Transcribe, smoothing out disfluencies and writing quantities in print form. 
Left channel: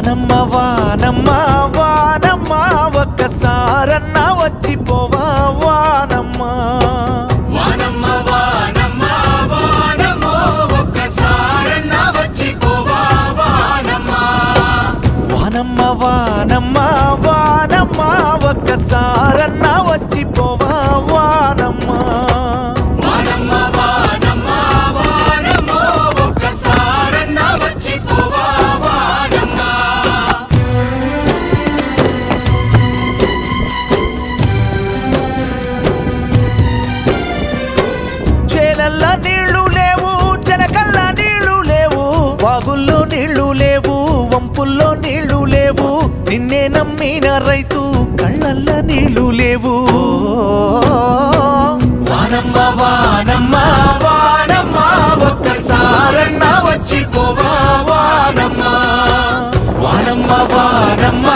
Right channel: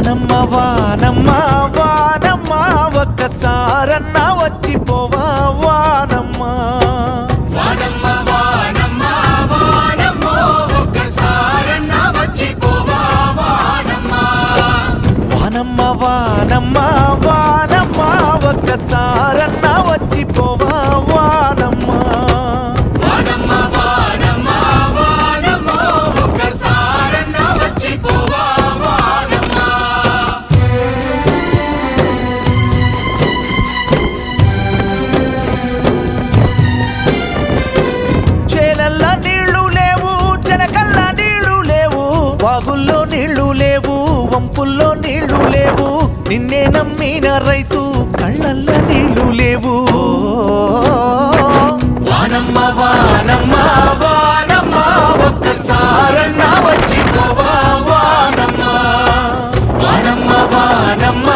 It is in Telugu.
వానమ్మ వానమ్మ వానమ్మ ఒక్కసారన్నా వచ్చిపోవా వానమ్మ వానమ్మ వానమ్మ వానమ్మ ఒక్కసారన్నా వచ్చిపోవా వానమ్మ వానమ్మ వానమ్మ వానమ్మ ఒక్కసారన్నా వచ్చిపోవా వానమ్మ వానమ్మ వానమ్మ వానమ్మ ఒక్కసారన్నా వచ్చిపోవా వానమ్మ చేలల్లా నీళ్లు లేవు చెలకల్లా నీళ్లు లేవు వాగుల్లో నీళ్లు లేవు వంపుల్లో నీళ్లు లేవు నిన్నే నమ్మిన రైతు కళ్ళల్లా నీళ్లు లేవు వానమ్మ వానమ్మ వానమ్మ ఒక్కసారన్నా వచ్చిపోవా వానమ్మ వానమ్మ వానమ్మ